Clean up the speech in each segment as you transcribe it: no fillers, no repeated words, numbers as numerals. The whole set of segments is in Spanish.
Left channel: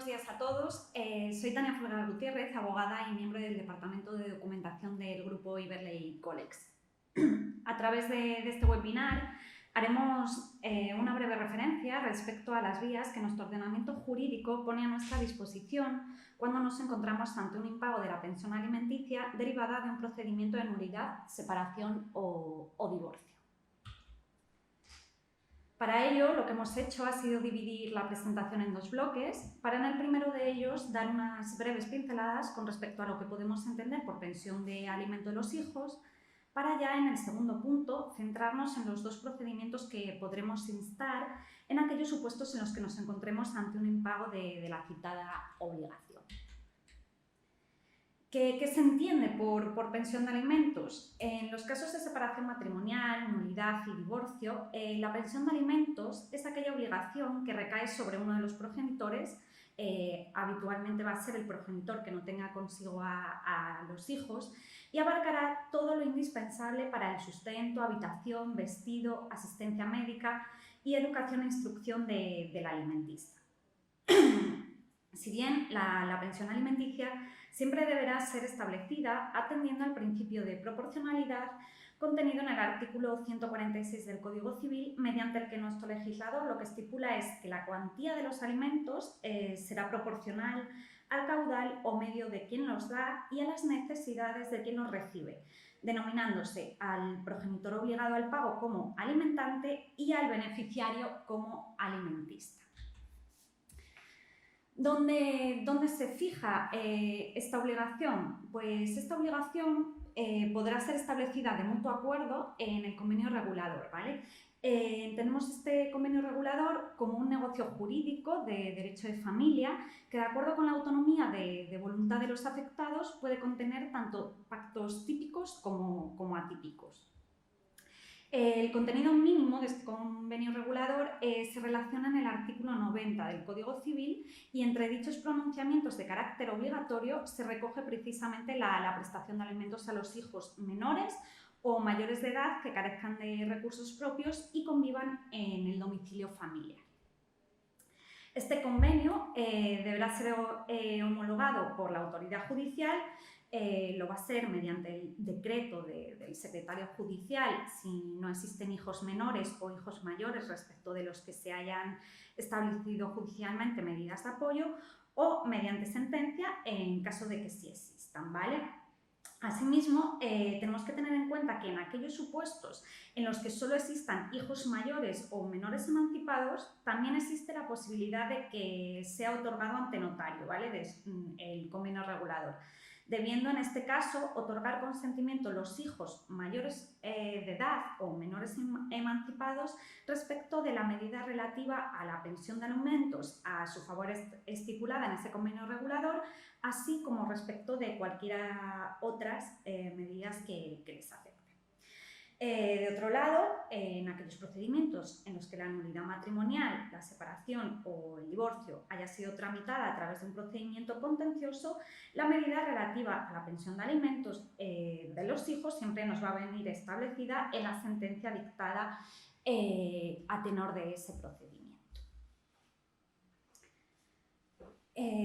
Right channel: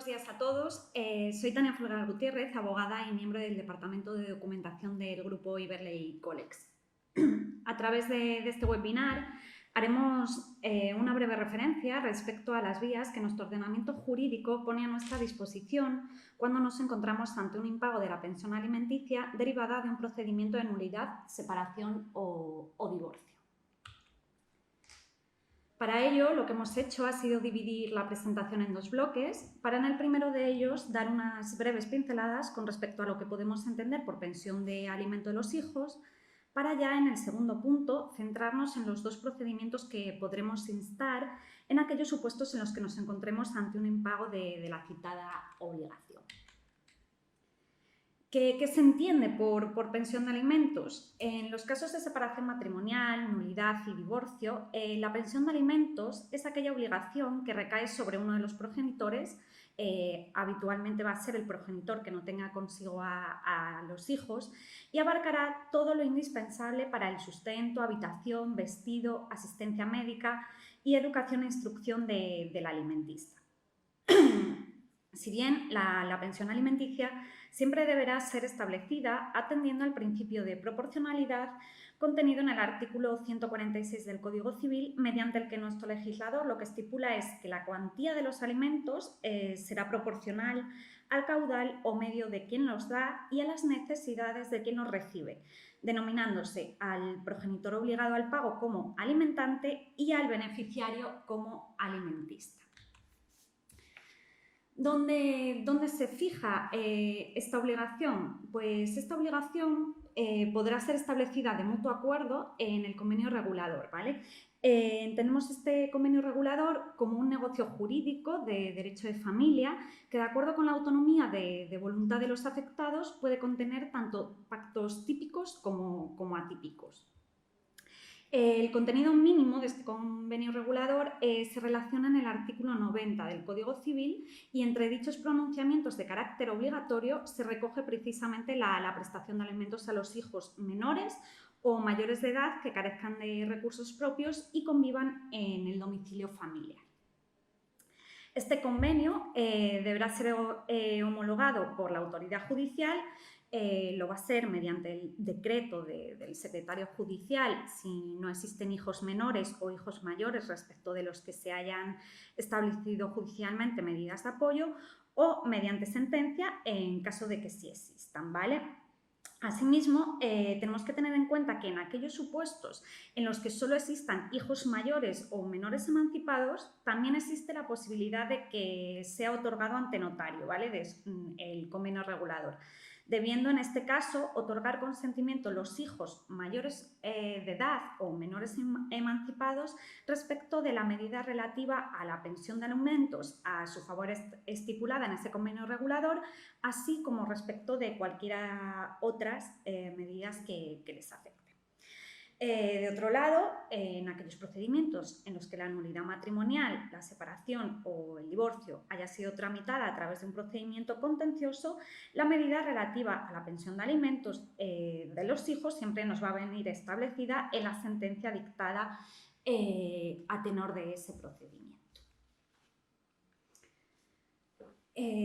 buenos días a todos. Soy Tania Folgar Gutiérrez, abogada y miembro del Departamento de Documentación del Grupo Iberley Colex. A través de este webinar haremos una breve referencia respecto a las vías que nuestro ordenamiento jurídico pone a nuestra disposición cuando nos encontramos ante un impago de la pensión alimenticia derivada de un procedimiento de nulidad, separación o divorcio. Para ello, lo que hemos hecho ha sido dividir la presentación en dos bloques, para en el primero de ellos dar unas breves pinceladas con respecto a lo que podemos entender por pensión de alimento de los hijos, para ya en el segundo punto centrarnos en los dos procedimientos que podremos instar en aquellos supuestos en los que nos encontremos ante un impago de la citada obligación. ¿Qué se entiende por pensión de alimentos? En los casos de separación matrimonial, nulidad y divorcio, la pensión de alimentos es aquella obligación que recae sobre uno de los progenitores, habitualmente va a ser el progenitor que no tenga consigo a los hijos, y abarcará todo lo indispensable para el sustento, habitación, vestido, asistencia médica y educación e instrucción del alimentista. Si bien la pensión alimenticia siempre deberá ser establecida atendiendo al principio de proporcionalidad contenido en el artículo 146 del Código Civil, mediante el que nuestro legislador lo que estipula es que la cuantía de los alimentos será proporcional al caudal o medio de quien los da y a las necesidades de quien los recibe, denominándose al progenitor obligado al pago como alimentante y al beneficiario como alimentista. ¿Dónde se fija esta obligación? Pues esta obligación podrá ser establecida de mutuo acuerdo en el convenio regulador, ¿vale? Entendemos este convenio regulador como un negocio jurídico de derecho de familia que, de acuerdo con la autonomía de voluntad de los afectados, puede contener tanto pactos típicos como atípicos. El contenido mínimo de este convenio regulador se relaciona en el artículo 90 del Código Civil y entre dichos pronunciamientos de carácter obligatorio se recoge precisamente la prestación de alimentos a los hijos menores o mayores de edad que carezcan de recursos propios y convivan en el domicilio familiar. Este convenio deberá ser homologado por la autoridad judicial. Lo va a ser mediante el decreto del secretario judicial si no existen hijos menores o hijos mayores respecto de los que se hayan establecido judicialmente medidas de apoyo o mediante sentencia en caso de que sí existan, ¿vale? Asimismo, tenemos que tener en cuenta que en aquellos supuestos en los que solo existan hijos mayores o menores emancipados, también existe la posibilidad de que sea otorgado ante notario, ¿vale? El convenio regulador, debiendo en este caso otorgar consentimiento los hijos mayores de edad o menores emancipados respecto de la medida relativa a la pensión de alimentos a su favor estipulada en ese convenio regulador, así como respecto de cualquiera otras medidas que les afecten. De otro lado, en aquellos procedimientos en los que la nulidad matrimonial, la separación o el divorcio haya sido tramitada a través de un procedimiento contencioso, la medida relativa a la pensión de alimentos de los hijos siempre nos va a venir establecida en la sentencia dictada a tenor de ese procedimiento.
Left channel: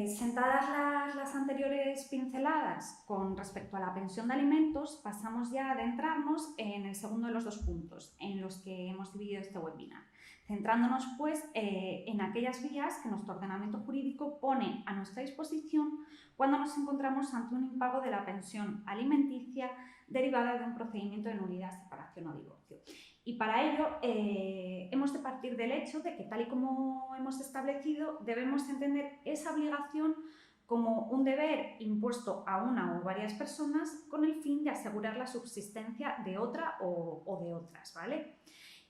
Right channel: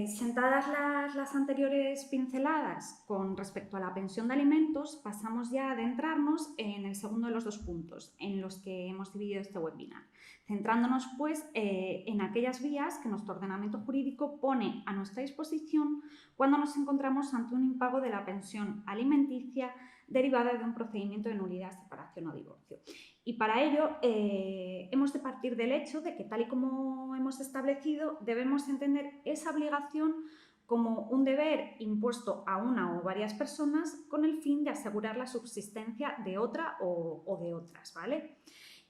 Sentadas las anteriores pinceladas con respecto a la pensión de alimentos, pasamos ya a adentrarnos en el segundo de los dos puntos en los que hemos dividido este webinar, centrándonos pues en aquellas vías que nuestro ordenamiento jurídico pone a nuestra disposición cuando nos encontramos ante un impago de la pensión alimenticia derivada de un procedimiento de nulidad, separación o divorcio. Y para ello hemos de partir del hecho de que, tal y como hemos establecido, debemos entender esa obligación como un deber impuesto a una o varias personas con el fin de asegurar la subsistencia de otra o de otras, ¿vale?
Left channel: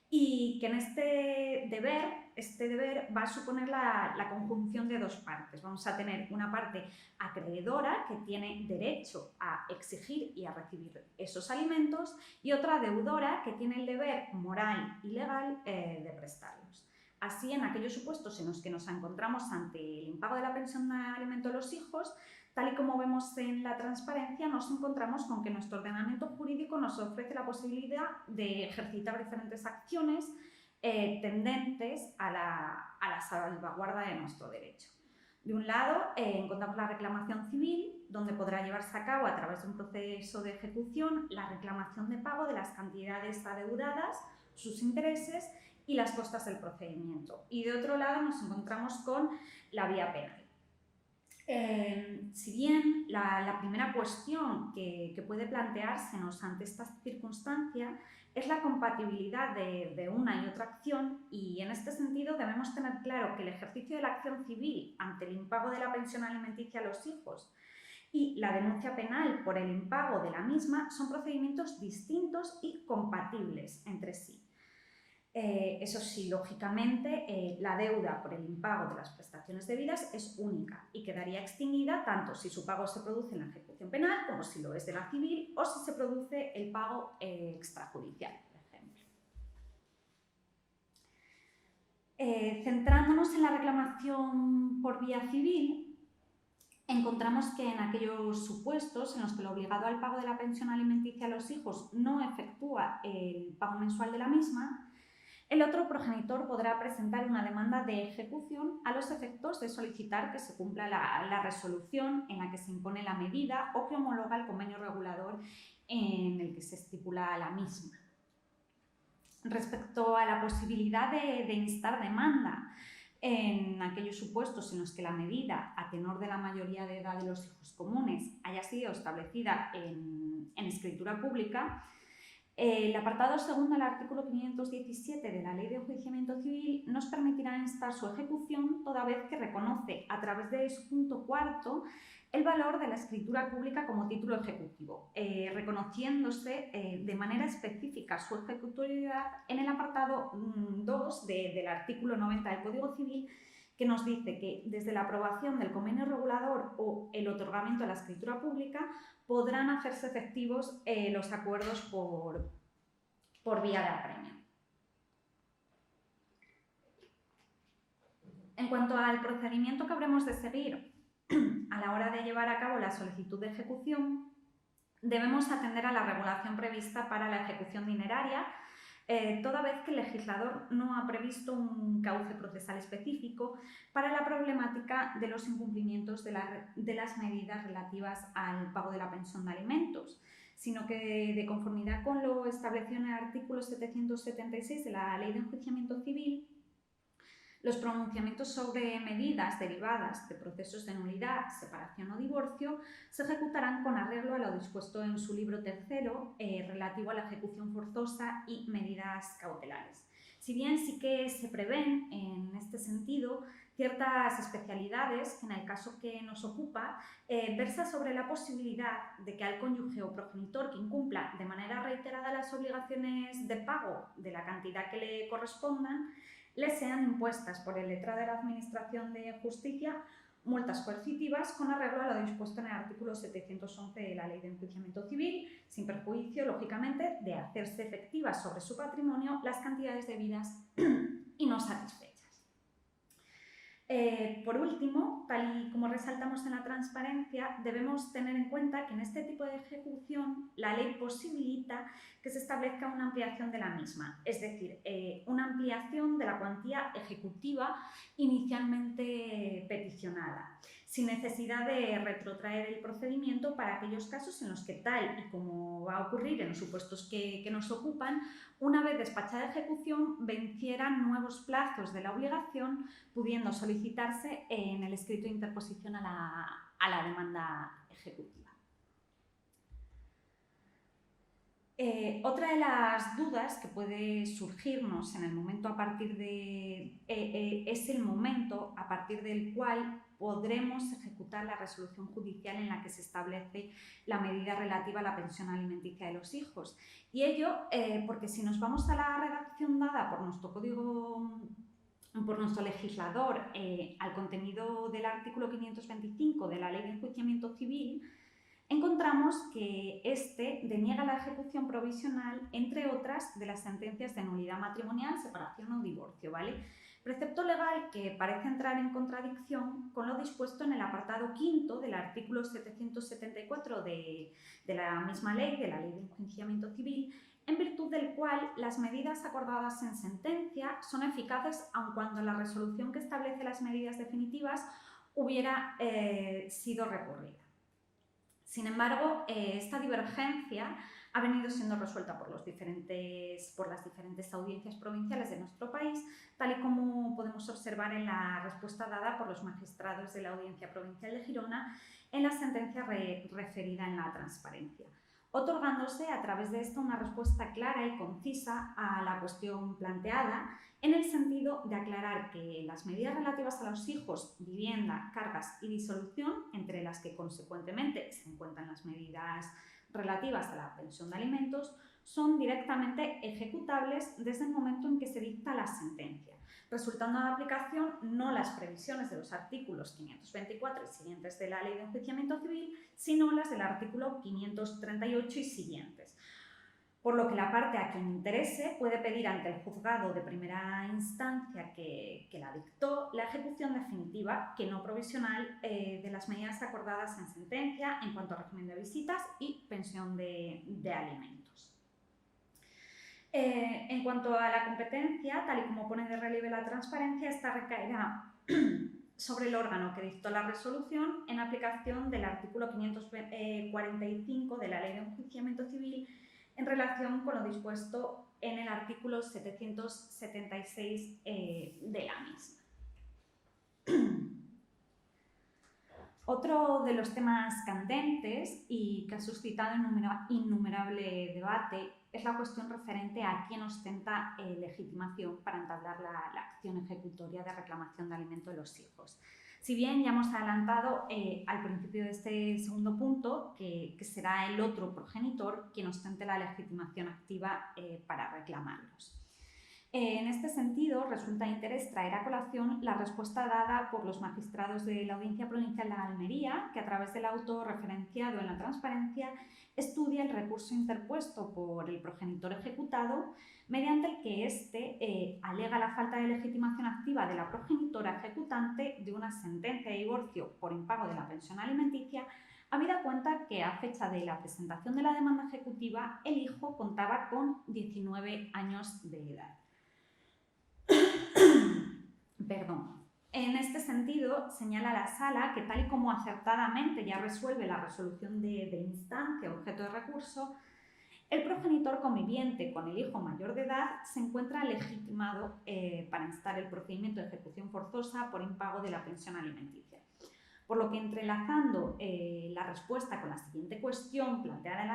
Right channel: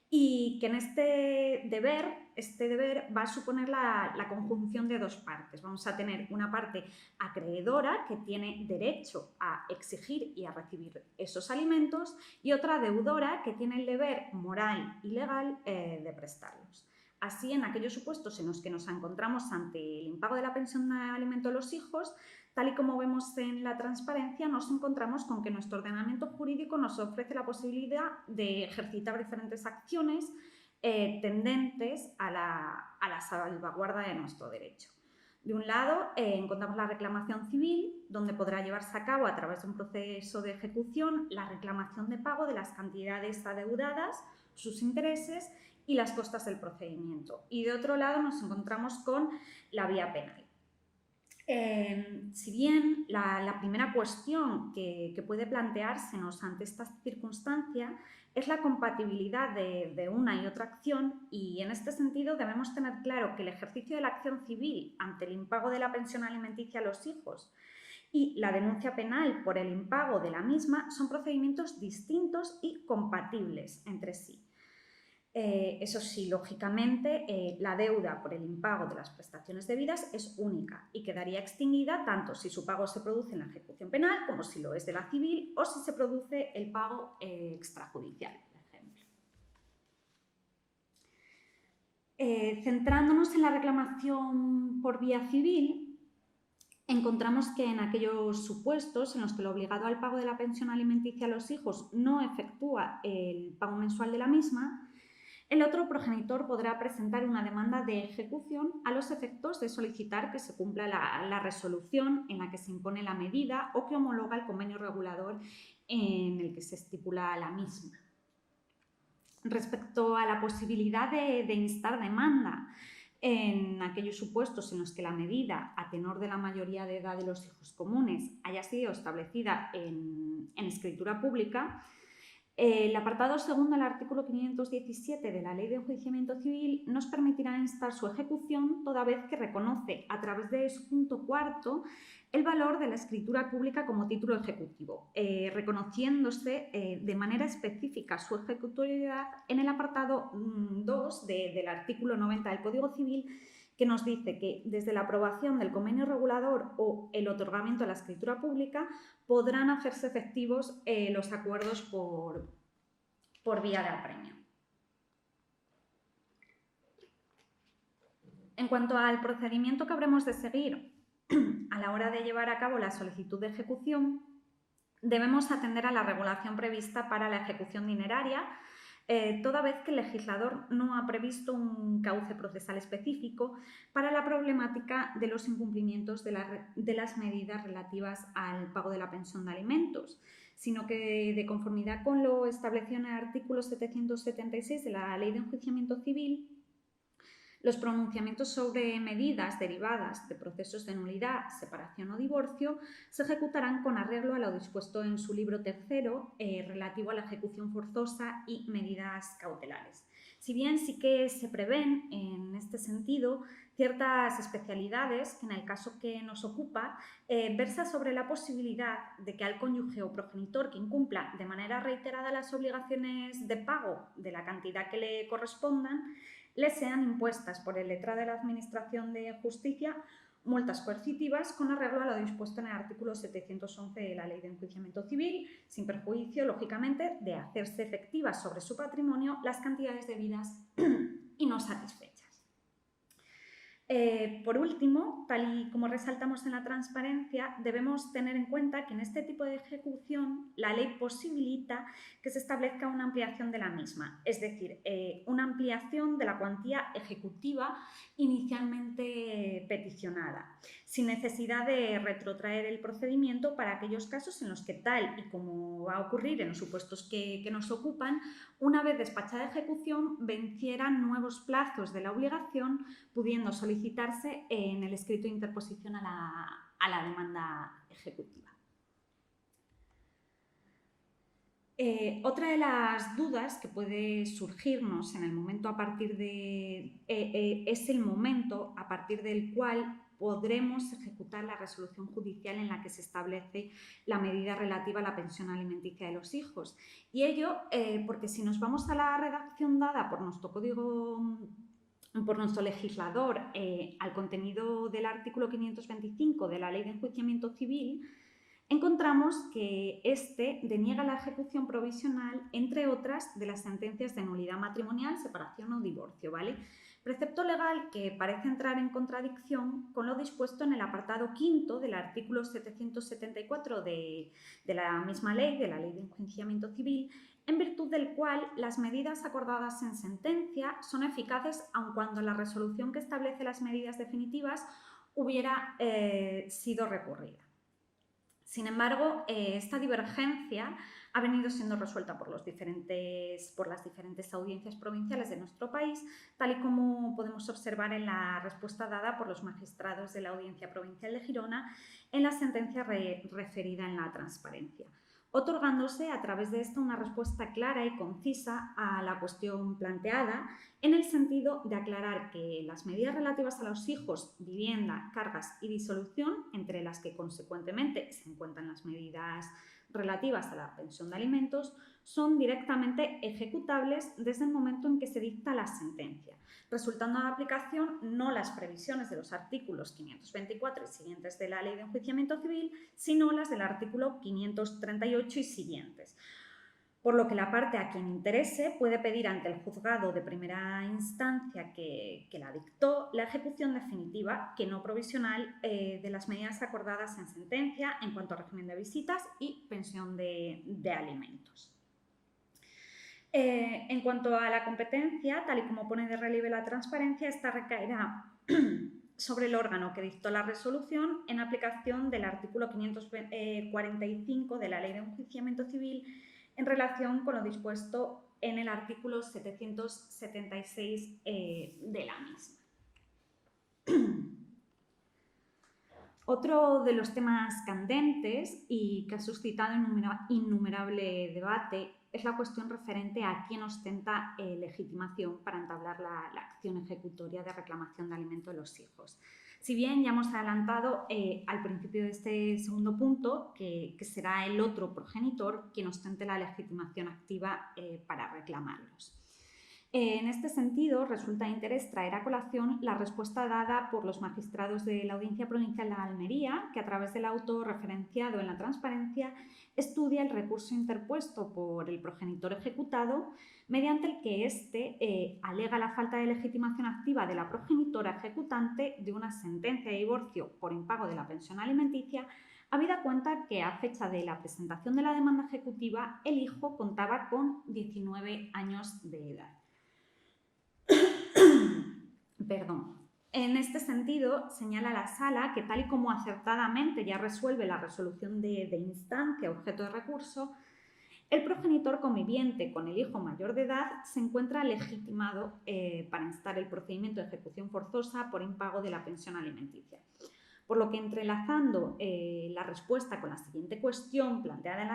Y que en este deber va a suponer la conjunción de dos partes. Vamos a tener una parte acreedora que tiene derecho a exigir y a recibir esos alimentos y otra deudora que tiene el deber moral y legal de prestarlos. Así, en aquellos supuestos en los que nos encontramos ante el impago de la pensión de alimento de los hijos, tal y como vemos en la transparencia, nos encontramos con que nuestro ordenamiento jurídico nos ofrece la posibilidad de ejercitar diferentes acciones tendentes a la salvaguarda de nuestro derecho. De un lado, encontramos la reclamación civil, donde podrá llevarse a cabo a través de un proceso de ejecución la reclamación de pago de las cantidades adeudadas, sus intereses y las costas del procedimiento. Y de otro lado nos encontramos con la vía penal. Si bien la primera cuestión que puede planteársenos ante esta circunstancia es la compatibilidad de una y otra acción, y en este sentido debemos tener claro que el ejercicio de la acción civil ante el impago de la pensión alimenticia a los hijos y la denuncia penal por el impago de la misma son procedimientos distintos y compatibles entre sí. Eso sí, lógicamente, la deuda por el impago de las prestaciones debidas es única y quedaría extinguida tanto si su pago se produce en la ejecución penal como si lo es de la civil o si se produce el pago extrajudicial, por ejemplo. Centrándonos en la reclamación por vía civil, encontramos que en aquellos supuestos en los que el obligado al pago de la pensión alimenticia a los hijos no efectúa el pago mensual de la misma, el otro progenitor podrá presentar una demanda de ejecución a los efectos de solicitar que se cumpla la resolución en la que se impone la medida o que homologa el convenio regulador en el que se estipula la misma. Respecto a la posibilidad de instar demanda en aquellos supuestos en los que la medida, a tenor de la mayoría de edad de los hijos comunes, haya sido establecida en escritura pública, el apartado segundo del artículo 517 de la Ley de Enjuiciamiento Civil nos permitirá instar su ejecución toda vez que reconoce, a través de su punto cuarto, el valor de la escritura pública como título ejecutivo, reconociéndose de manera específica su ejecutoriedad en el apartado 2 del artículo 90 del Código Civil, que nos dice que desde la aprobación del convenio regulador o el otorgamiento de la escritura pública podrán hacerse efectivos los acuerdos por vía de apremio. En cuanto al procedimiento que habremos de seguir a la hora de llevar a cabo la solicitud de ejecución, debemos atender a la regulación prevista para la ejecución dineraria, toda vez que el legislador no ha previsto un cauce procesal específico para la problemática de los incumplimientos de las medidas relativas al pago de la pensión de alimentos, sino que, de conformidad con lo establecido en el artículo 776 de la Ley de Enjuiciamiento Civil, los pronunciamientos sobre medidas derivadas de procesos de nulidad, separación o divorcio se ejecutarán con arreglo a lo dispuesto en su libro tercero relativo a la ejecución forzosa y medidas cautelares. Si bien sí que se prevén en este sentido ciertas especialidades que en el caso que nos ocupa versa sobre la posibilidad de que al cónyuge o progenitor que incumpla de manera reiterada las obligaciones de pago de la cantidad que le correspondan, le sean impuestas por el letrado de la Administración de Justicia multas coercitivas con arreglo a lo dispuesto en el artículo 711 de la Ley de Enjuiciamiento Civil, sin perjuicio, lógicamente, de hacerse efectivas sobre su patrimonio las cantidades debidas y no satisfechas. Por último, tal y como resaltamos en la transparencia, debemos tener en cuenta que en este tipo de ejecución la ley posibilita que se establezca una ampliación de la misma, es decir, una ampliación de la cuantía ejecutiva inicialmente peticionada, sin necesidad de retrotraer el procedimiento para aquellos casos en los que, tal y como va a ocurrir en los supuestos que nos ocupan, una vez despachada ejecución, vencieran nuevos plazos de la obligación, pudiendo solicitarse en el escrito de interposición a la demanda ejecutiva. Otra de las dudas que puede surgirnos en el momento es el momento a partir del cual podremos ejecutar la resolución judicial en la que se establece la medida relativa a la pensión alimenticia de los hijos. Y ello porque si nos vamos a la redacción dada por nuestro legislador al contenido del artículo 525 de la Ley de Enjuiciamiento Civil, encontramos que este deniega la ejecución provisional, entre otras, de las sentencias de nulidad matrimonial, separación o divorcio, ¿vale? Precepto legal que parece entrar en contradicción con lo dispuesto en el apartado quinto del artículo 774 de la misma ley, de la Ley de Enjuiciamiento Civil, en virtud del cual las medidas acordadas en sentencia son eficaces aun cuando la resolución que establece las medidas definitivas hubiera sido recurrida. Sin embargo, esta divergencia ha venido siendo resuelta por las diferentes audiencias provinciales de nuestro país, tal y como podemos observar en la respuesta dada por los magistrados de la Audiencia Provincial de Girona en la sentencia referida en la transparencia, otorgándose a través de esto una respuesta clara y concisa a la cuestión planteada, en el sentido de aclarar que las medidas relativas a los hijos, vivienda, cargas y disolución, entre las que consecuentemente se encuentran las medidas relativas a la pensión de alimentos, son directamente ejecutables desde el momento en que se dicta la sentencia, resultando de aplicación no las previsiones de los artículos 524 y siguientes de la Ley de Enjuiciamiento Civil, sino las del artículo 538 y siguientes. Por lo que la parte a quien interese puede pedir ante el juzgado de primera instancia que la dictó la ejecución definitiva, que no provisional, de las medidas acordadas en sentencia en cuanto a régimen de visitas y pensión de alimentos. En cuanto a la competencia, tal y como pone de relieve la transparencia, esta recaerá sobre el órgano que dictó la resolución en aplicación del artículo 545 de la Ley de Enjuiciamiento Civil en relación con lo dispuesto en el artículo 776 de la misma. Otro de los temas candentes y que ha suscitado innumerable debate es la cuestión referente a quién ostenta legitimación para entablar la acción ejecutoria de reclamación de alimento de los hijos. Si bien ya hemos adelantado al principio de este segundo punto que será el otro progenitor quien ostente la legitimación activa para reclamarlos. En este sentido, resulta de interés traer a colación la respuesta dada por los magistrados de la Audiencia Provincial de Almería, que a través del auto referenciado en la transparencia estudia el recurso interpuesto por el progenitor ejecutado, mediante el que éste alega la falta de legitimación activa de la progenitora ejecutante de una sentencia de divorcio por impago de la pensión alimenticia, habida cuenta que a fecha de la presentación de la demanda ejecutiva el hijo contaba con 19 años de edad. Perdón. En este sentido, señala la Sala que tal y como acertadamente ya resuelve la resolución de instancia objeto de recurso, el progenitor conviviente con el hijo mayor de edad se encuentra legitimado para instar el procedimiento de ejecución forzosa por impago de la pensión alimenticia. Por lo que, entrelazando la respuesta con la siguiente cuestión planteada en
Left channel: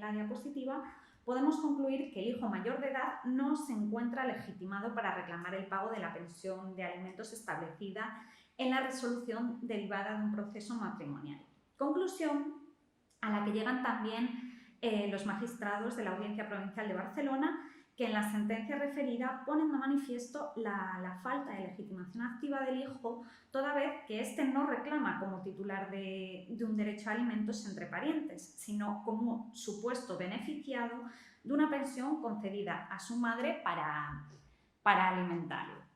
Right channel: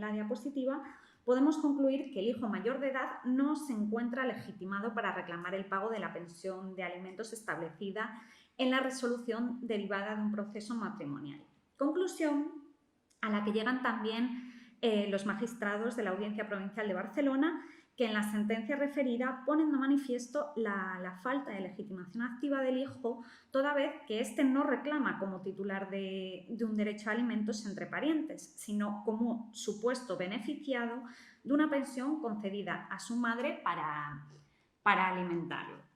la diapositiva, podemos concluir que el hijo mayor de edad no se encuentra legitimado para reclamar el pago de la pensión de alimentos establecida en la resolución derivada de un proceso matrimonial. Conclusión a la que llegan también los magistrados de la Audiencia Provincial de Barcelona, que en la sentencia referida ponen de manifiesto la falta de legitimación activa del hijo, toda vez que éste no reclama como titular de un derecho a alimentos entre parientes, sino como supuesto beneficiado de una pensión concedida a su madre para alimentarlo.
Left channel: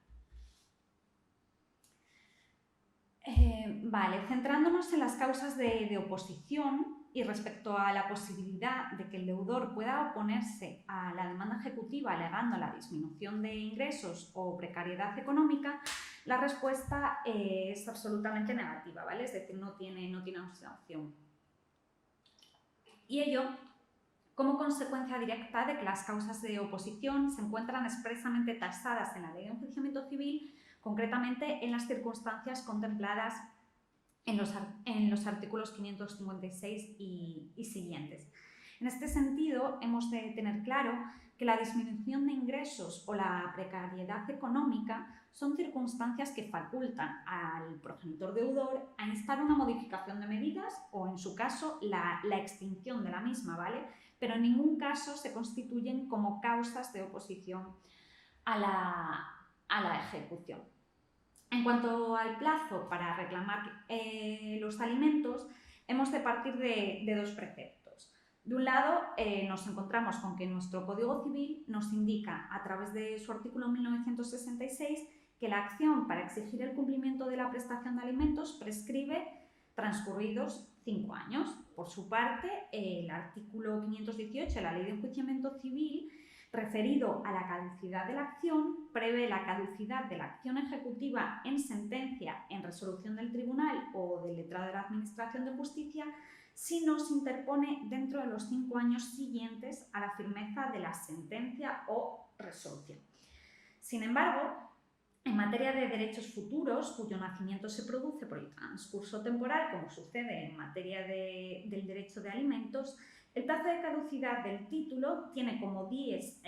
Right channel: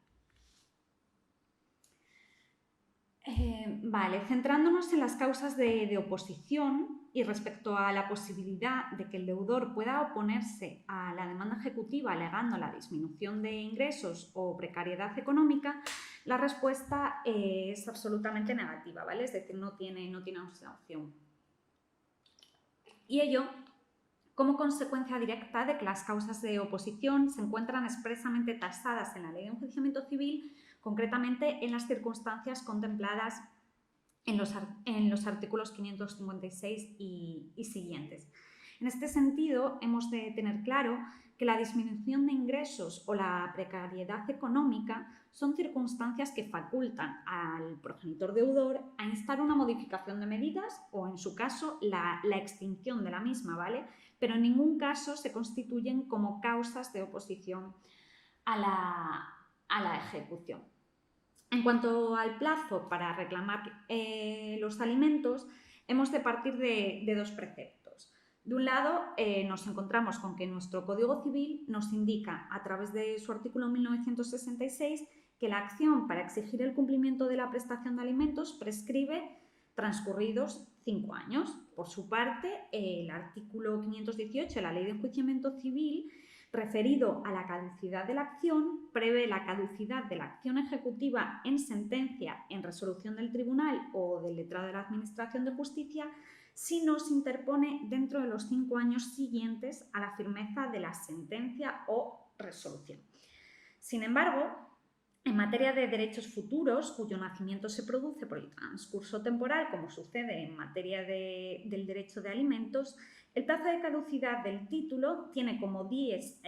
Centrándonos en las causas de oposición y respecto a la posibilidad de que el deudor pueda oponerse a la demanda ejecutiva alegando la disminución de ingresos o precariedad económica, la respuesta es absolutamente negativa, ¿vale? Es decir, no tiene opción. Y ello como consecuencia directa de que las causas de oposición se encuentran expresamente tasadas en la Ley de Enjuiciamiento Civil, concretamente en las circunstancias contempladas en los artículos 556 y siguientes. En este sentido, hemos de tener claro que la disminución de ingresos o la precariedad económica son circunstancias que facultan al progenitor deudor a instar una modificación de medidas o, en su caso, la extinción de la misma, ¿vale? Pero en ningún caso se constituyen como causas de oposición a la ejecución. En cuanto al plazo para reclamar los alimentos, hemos de partir de dos preceptos. De un lado, nos encontramos con que nuestro Código Civil nos indica, a través de su artículo 1966, que la acción para exigir el cumplimiento de la prestación de alimentos prescribe transcurridos 5 años. Por su parte, el artículo 518 de la Ley de Enjuiciamiento Civil referido a la caducidad de la acción, prevé la caducidad de la acción ejecutiva en sentencia, en resolución del tribunal o del letrado de la Administración de Justicia, si no se interpone dentro de los 5 años siguientes a la firmeza de la sentencia o resolución. Sin embargo, en materia de derechos futuros, cuyo nacimiento se produce por el transcurso temporal, como sucede en materia del derecho de alimentos, el plazo de caducidad del título tiene como dies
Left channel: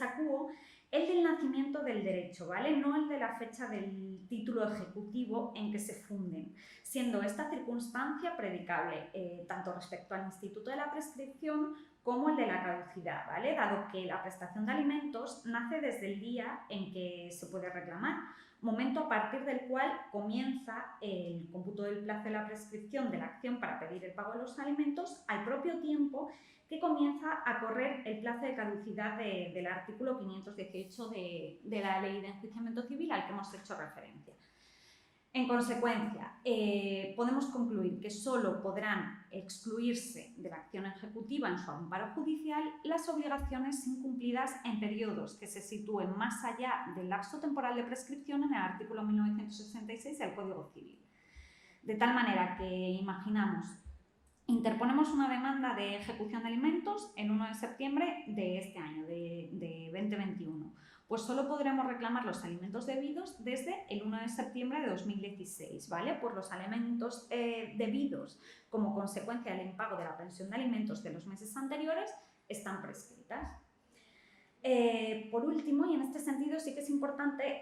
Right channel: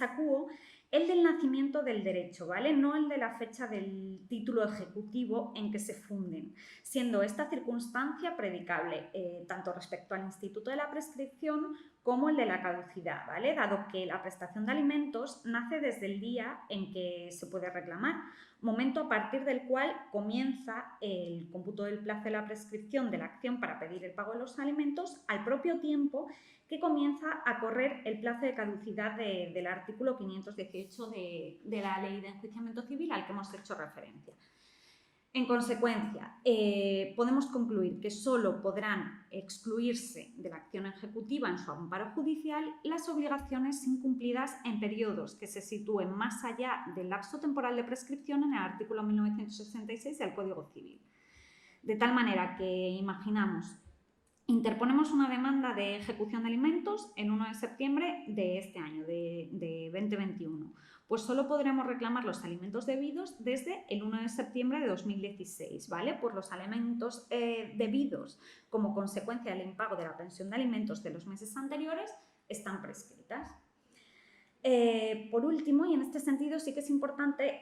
acuo el del nacimiento del derecho, ¿vale? No el de la fecha del título ejecutivo en que se funden, siendo esta circunstancia predicable tanto respecto al instituto de la prescripción como el de la caducidad, ¿vale? Dado que la prestación de alimentos nace desde el día en que se puede reclamar, momento a partir del cual comienza el cómputo del plazo de la prescripción de la acción para pedir el pago de los alimentos, al propio tiempo que comienza a correr el plazo de caducidad del artículo 518 de la Ley de Enjuiciamiento Civil al que hemos hecho referencia. En consecuencia, podemos concluir que solo podrán excluirse de la acción ejecutiva en su amparo judicial las obligaciones incumplidas en periodos que se sitúen más allá del lapso temporal de prescripción en el artículo 1966 del Código Civil. De tal manera que imaginamos, interponemos una demanda de ejecución de alimentos el 1 de septiembre de este año, de 2021. Pues solo podremos reclamar los alimentos debidos desde el 1 de septiembre de 2016, ¿vale? Por los alimentos debidos como consecuencia del impago de la pensión de alimentos de los meses anteriores están prescritas. Por último, y en este sentido sí que es importante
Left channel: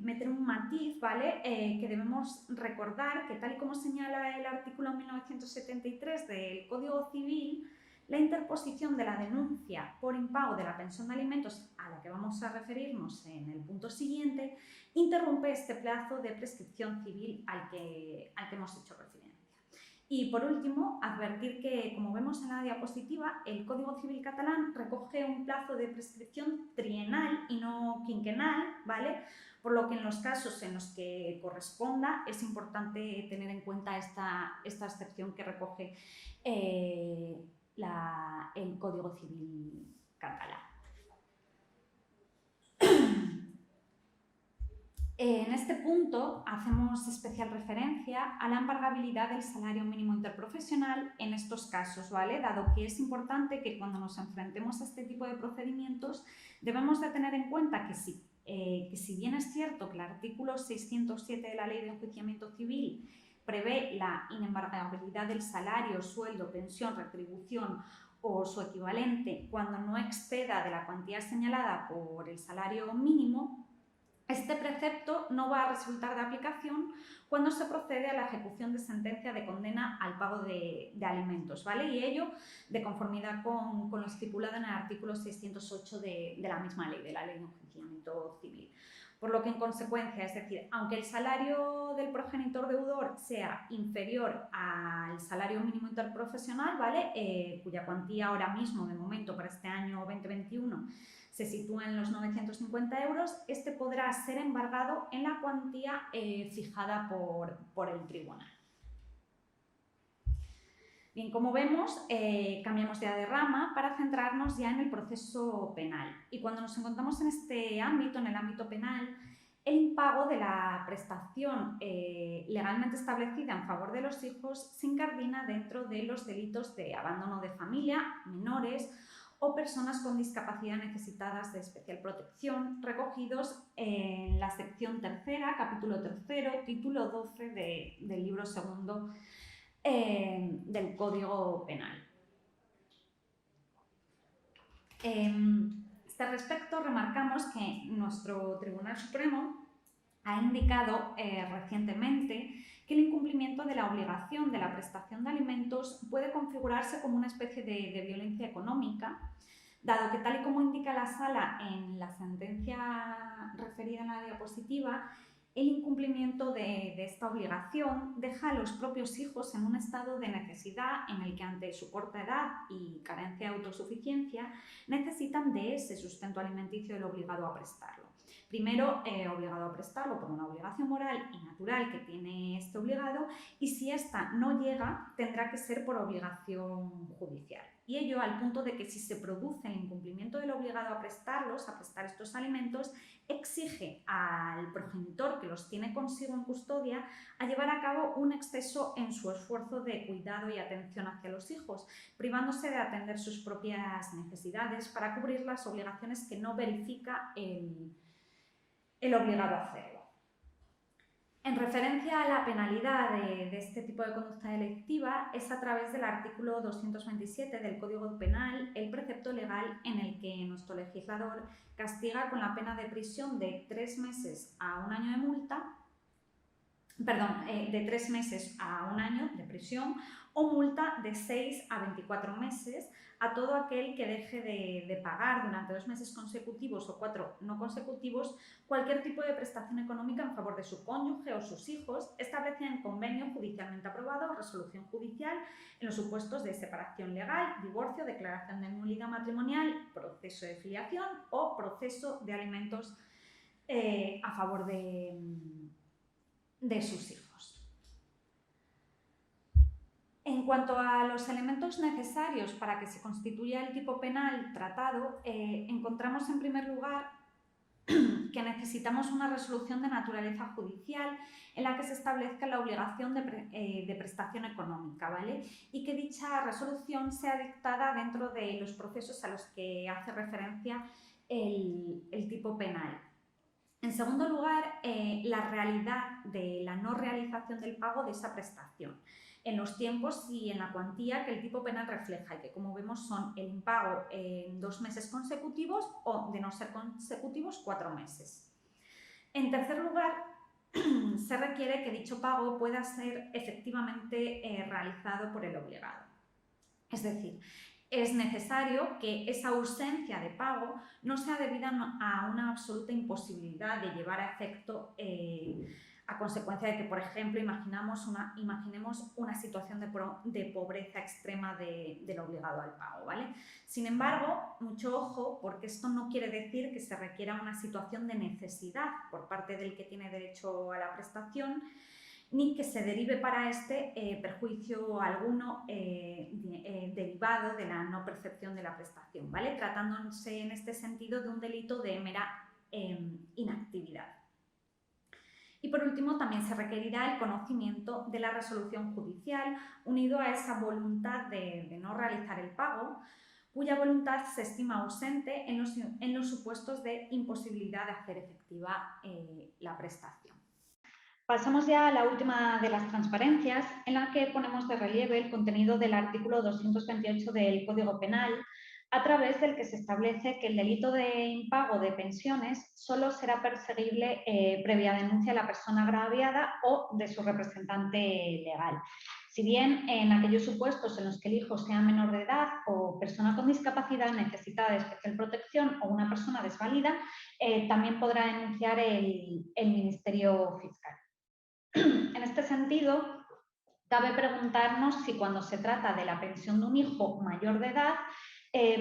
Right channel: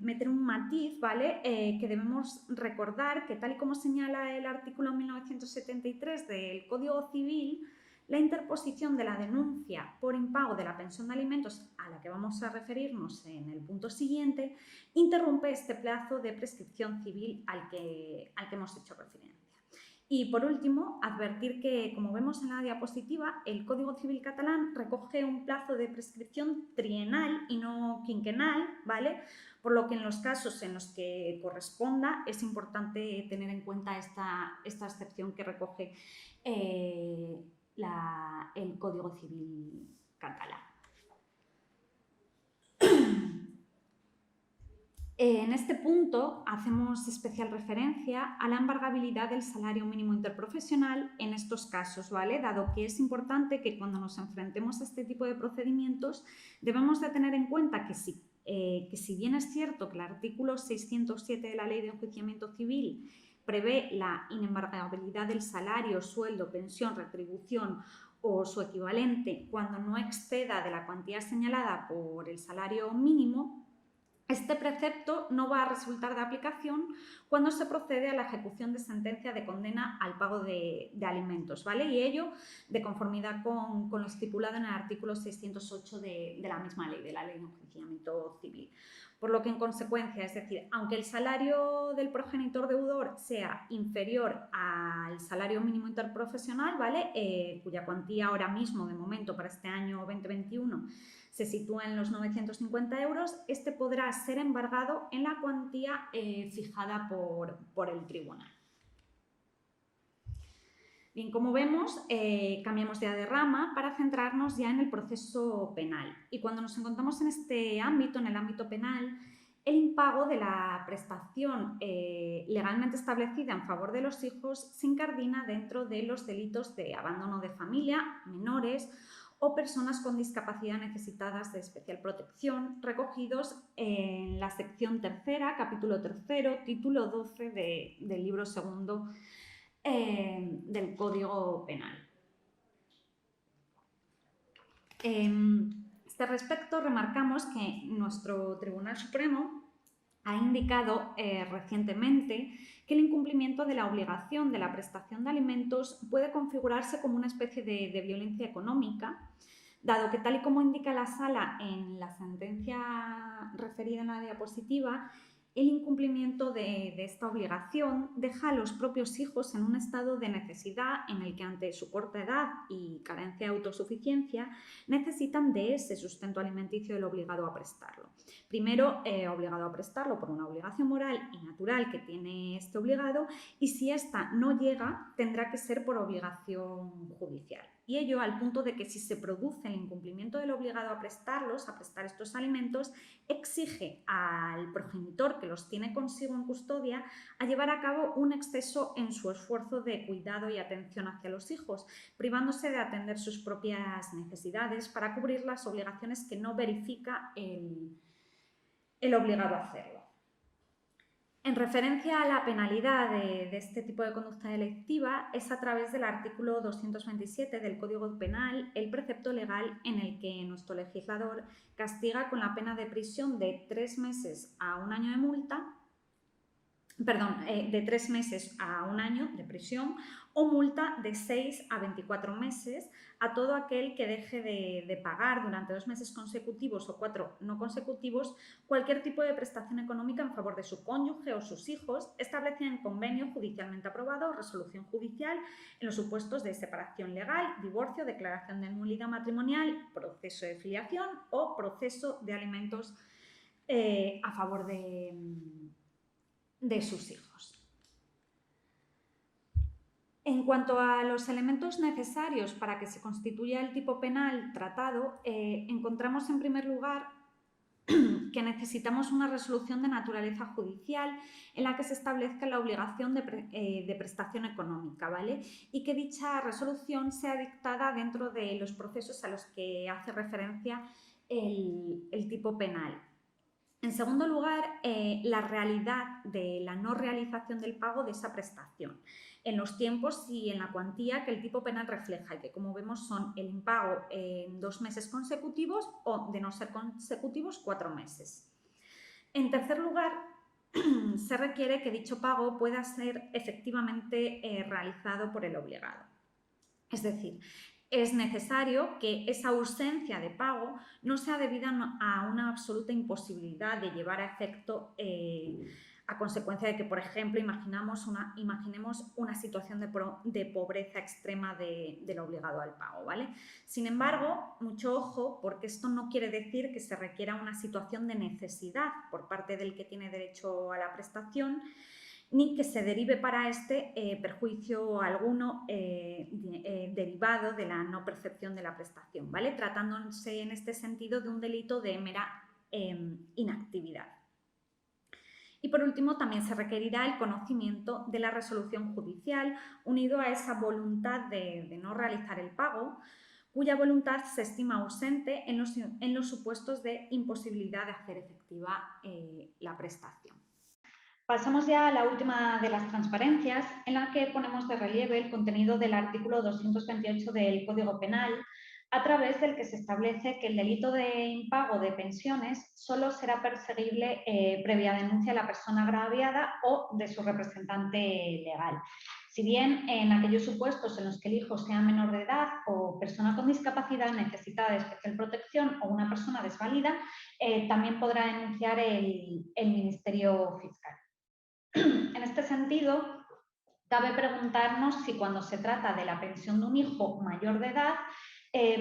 meter un matiz, ¿vale? Que debemos recordar que, tal y como señala el artículo 1973 del Código Civil, la interposición de la denuncia por impago de la pensión de alimentos, a la que vamos a referirnos en el punto siguiente, interrumpe este plazo de prescripción civil al que hemos hecho referencia. Y por último, advertir que, como vemos en la diapositiva, el Código Civil catalán recoge un plazo de prescripción trienal y no quinquenal, ¿vale? Por lo que en los casos en los que corresponda es importante tener en cuenta esta excepción que recoge el Código Civil catalán. En este punto hacemos especial referencia a la embargabilidad del salario mínimo interprofesional en estos casos, ¿vale? Dado que es importante que cuando nos enfrentemos a este tipo de procedimientos debemos de tener en cuenta que si bien es cierto que el artículo 607 de la Ley de Enjuiciamiento Civil prevé la inembargabilidad del salario, sueldo, pensión, retribución o su equivalente cuando no exceda de la cuantía señalada por el salario mínimo, este precepto no va a resultar de aplicación cuando se procede a la ejecución de sentencia de condena al pago de alimentos, ¿vale? Y ello de conformidad con lo estipulado en el artículo 608 de la misma ley, de la Ley de Enjuiciamiento Civil. Por lo que, en consecuencia, es decir, aunque el salario del progenitor deudor sea inferior al salario mínimo interprofesional, ¿vale? Cuya cuantía ahora mismo, de momento, para este año 2021, se sitúa en los 950 euros, este podrá ser embargado en la cuantía fijada por el tribunal. Bien, como vemos, cambiamos ya de rama para centrarnos ya en el proceso penal. Y cuando nos encontramos en este ámbito, en el ámbito penal, el impago de la prestación legalmente establecida en favor de los hijos se incardina dentro de los delitos de abandono de familia, menores o personas con discapacidad necesitadas de especial protección, recogidos en la sección tercera, capítulo tercero, título 12 del libro segundo del Código Penal. A este respecto, remarcamos que nuestro Tribunal Supremo ha indicado recientemente que el incumplimiento de la obligación de la prestación de alimentos puede configurarse como una especie de violencia económica, dado que, tal y como indica la Sala en la sentencia referida en la diapositiva, el incumplimiento de esta obligación deja a los propios hijos en un estado de necesidad en el que, ante su corta edad y carencia de autosuficiencia, necesitan de ese sustento alimenticio del obligado a prestarlo. Primero, obligado a prestarlo por una obligación moral y natural que tiene este obligado, y si ésta no llega, tendrá que ser por obligación judicial. y ello al punto de que si se produce el incumplimiento del obligado a prestar estos alimentos, exige al progenitor que los tiene consigo en custodia a llevar a cabo un exceso en su esfuerzo de cuidado y atención hacia los hijos, privándose de atender sus propias necesidades para cubrir las obligaciones que no verifica el obligado a hacerlo. En referencia a la penalidad de este tipo de conducta delictiva, es a través del artículo 227 del Código Penal el precepto legal en el que nuestro legislador castiga con la pena de prisión de 3 meses a 1 año de multa, de 3 meses a 1 año de prisión o multa de 6 a 24 meses a todo aquel que deje de pagar durante 2 meses consecutivos o 4 no consecutivos cualquier tipo de prestación económica en favor de su cónyuge o sus hijos, establecida en convenio judicialmente aprobado o resolución judicial en los supuestos de separación legal, divorcio, declaración de nulidad matrimonial, proceso de filiación o proceso de alimentos a favor de sus hijos. En cuanto a los elementos necesarios para que se constituya el tipo penal tratado, encontramos en primer lugar que necesitamos una resolución de naturaleza judicial en la que se establezca la obligación de prestación económica, ¿vale? Y que dicha resolución sea dictada dentro de los procesos a los que hace referencia el tipo penal. En segundo lugar, la realidad de la no realización del pago de esa prestación en los tiempos y en la cuantía que el tipo penal refleja y que, como vemos, son el impago en 2 meses consecutivos o, de no ser consecutivos, 4 meses. En tercer lugar, se requiere que dicho pago pueda ser efectivamente realizado por el obligado. Es decir, es necesario que esa ausencia de pago no sea debida a una absoluta imposibilidad de llevar a efecto a consecuencia de que, por ejemplo, imaginemos una situación de pobreza extrema del obligado al pago, ¿vale? Sin embargo, mucho ojo, porque esto no quiere decir que se requiera una situación de necesidad por parte del que tiene derecho a la prestación, ni que se derive para este perjuicio alguno derivado de la no percepción de la prestación, ¿vale? Tratándose en este sentido de un delito de mera inactividad. Y por último, también se requerirá el conocimiento de la resolución judicial unido a esa voluntad de no realizar el pago, cuya voluntad se estima ausente en los supuestos de imposibilidad de hacer efectiva la prestación. Pasamos ya a la última de las transparencias, en la que ponemos de relieve el contenido del artículo 228 del Código Penal, a través del que se establece que el delito de impago de pensiones solo será perseguible previa denuncia de la persona agraviada o de su representante legal. Si bien en aquellos supuestos en los que el hijo sea menor de edad o persona con discapacidad necesitada de especial protección o una persona desvalida, también podrá denunciar el Ministerio Fiscal. En este sentido, cabe preguntarnos si cuando se trata de la pensión de un hijo mayor de edad,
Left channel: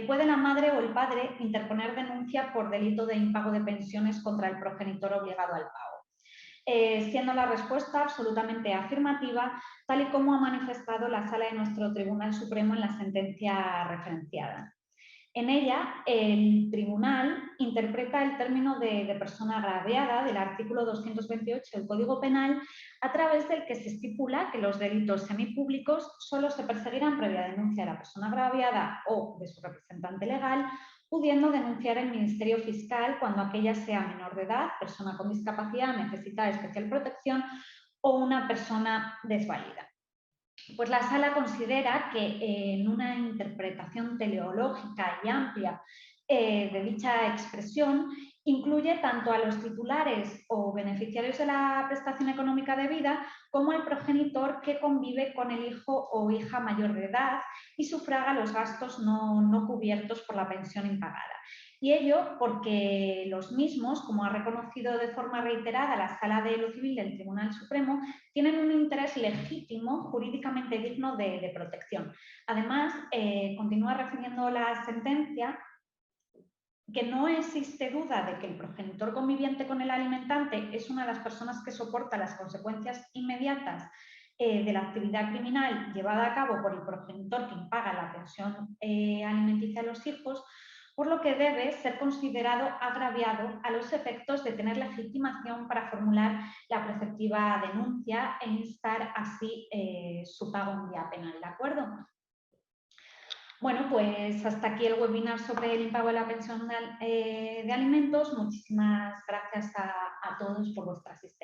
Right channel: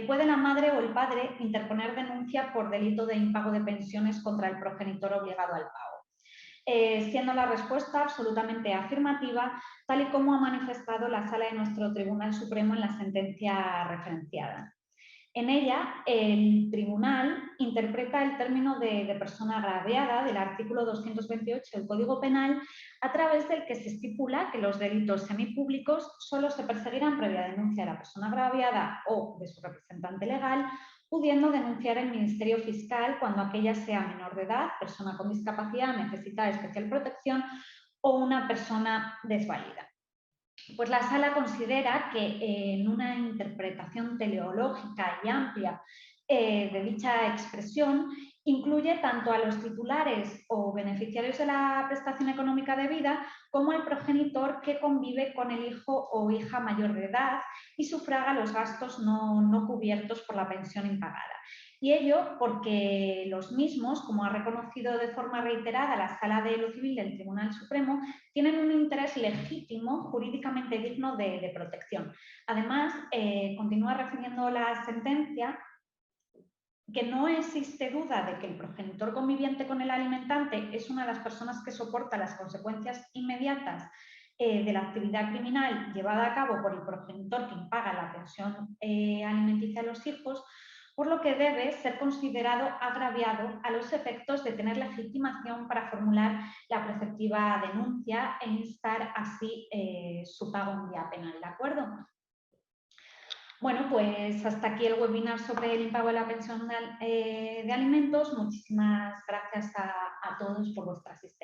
puede la madre o el padre interponer denuncia por delito de impago de pensiones contra el progenitor obligado al pago. Siendo la respuesta absolutamente afirmativa, tal y como ha manifestado la Sala de nuestro Tribunal Supremo en la sentencia referenciada. En ella, el Tribunal interpreta el término de persona agraviada del artículo 228 del Código Penal, a través del que se estipula que los delitos semipúblicos solo se perseguirán previa denuncia de la persona agraviada o de su representante legal, pudiendo denunciar el Ministerio Fiscal cuando aquella sea menor de edad, persona con discapacidad, necesitada de especial protección o una persona desvalida. Pues la Sala considera que en una interpretación teleológica y amplia de dicha expresión, incluye tanto a los titulares o beneficiarios de la prestación económica debida como al progenitor que convive con el hijo o hija mayor de edad y sufraga los gastos no cubiertos por la pensión impagada. Y ello porque los mismos, como ha reconocido de forma reiterada la Sala de lo Civil del Tribunal Supremo, tienen un interés legítimo, jurídicamente digno de protección. Además, continúa refiriendo la sentencia que no existe duda de que el progenitor conviviente con el alimentante es una de las personas que soporta las consecuencias inmediatas de la actividad criminal llevada a cabo por el progenitor que impaga la pensión alimenticia a los hijos, por lo que debe ser considerado agraviado a los efectos de tener legitimación para formular la preceptiva denuncia e instar así su pago en vía penal, ¿de acuerdo? Bueno, pues hasta aquí el webinar sobre el impago de la pensión de alimentos. Muchísimas gracias a todos por vuestra asistencia.